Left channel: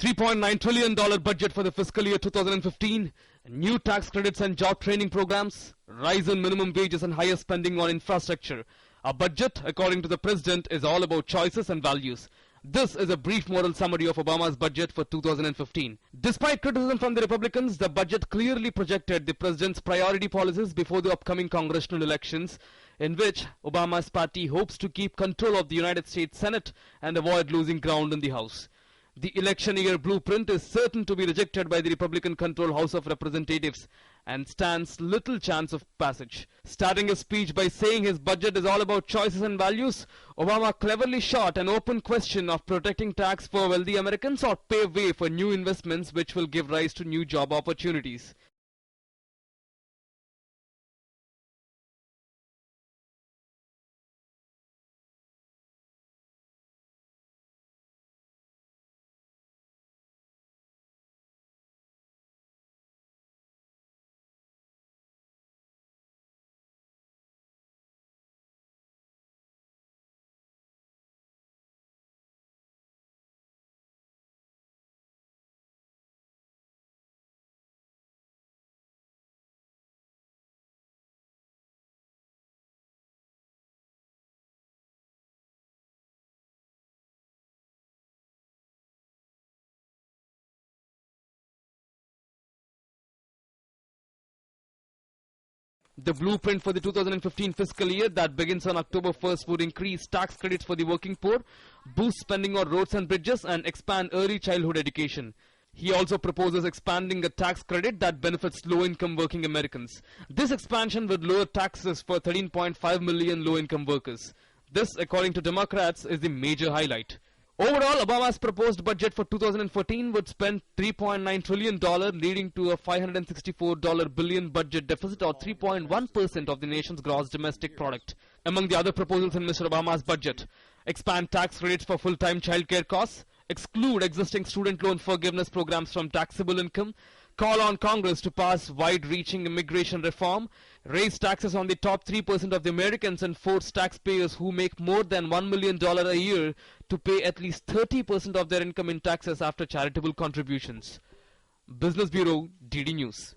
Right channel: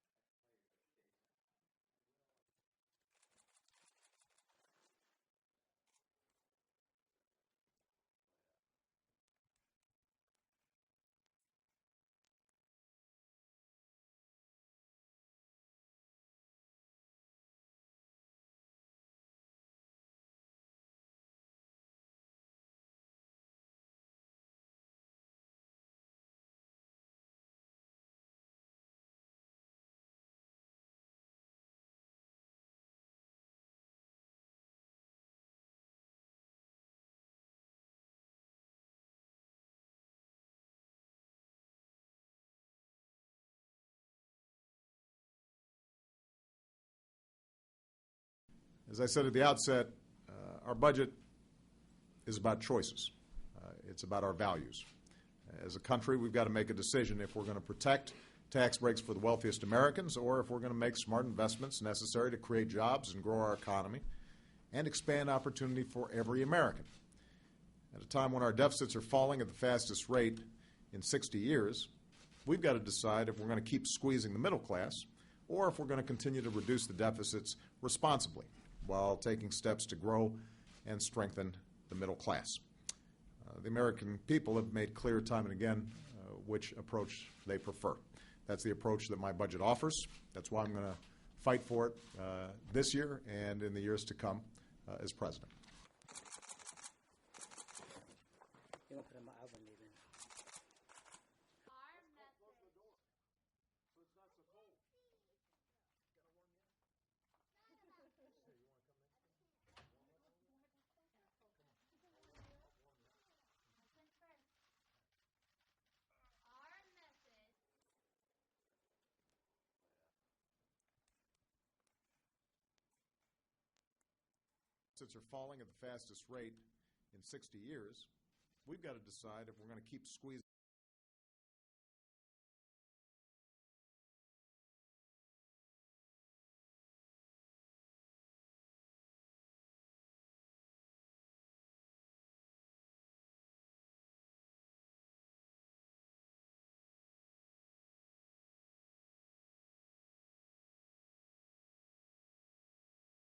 $3.9 trillion budget for the fiscal year 2015, new tax credits and job training programs, rise in minimum wages and higher spending on infrastructure. Our budget, according to the President, is all about choices and values. This is a brief moral summary of Obama's budget for 2015. Despite criticism from the Republicans, the budget clearly projected the President's priority policies before the upcoming congressional elections, in which Obama's party hopes to keep control of the United States Senate and avoid losing ground in the House. The election year blueprint is certain to be rejected by the Republican-controlled House of Representatives and stands little chance of passage. Starting his speech by saying his budget is all about choices and values, Obama cleverly shot an open question of protecting tax for wealthy Americans or pave way for new investments which will give rise to new job opportunities. As I said at the outset, our budget is about choices. It's about our values. As a country, we've got to make a decision if we're going to protect tax breaks for the wealthiest Americans, or if we're going to make smart investments necessary to create jobs and grow our economy and expand opportunity for every American. At a time when our deficits are falling at the fastest rate in 60 years, we've got to decide if we're going to keep squeezing the middle class or if we're going to continue to reduce the deficits responsibly while taking steps to grow and strengthen the middle class. The American people have made clear time and again which approach they prefer. That's the approach that my budget offers. That's why I'm going to fight for it this year and in the years to come as president. The blueprint for the 2015 fiscal year that begins on October 1st would increase tax credits for the working poor, boost spending on roads and bridges, and expand early childhood education. He also proposes expanding a tax credit that benefits low-income working Americans. This expansion would lower taxes for 13.5 million low-income workers. This, according to Democrats, is the major highlight. Overall, Obama's proposed budget for 2014 would spend $3.9 trillion, leading to a $564 billion budget deficit, or 3.1% of the nation's gross domestic product. Among the other proposals in Mr. Obama's budget: expand tax rates for full-time child care costs, exclude existing student loan forgiveness programs from taxable income, call on Congress to pass wide-reaching immigration reform, raise taxes on the top 3% of the Americans, and force taxpayers who make more than $1 million a year to pay at least 30% of their income in taxes after charitable contributions. Business Bureau, DD News.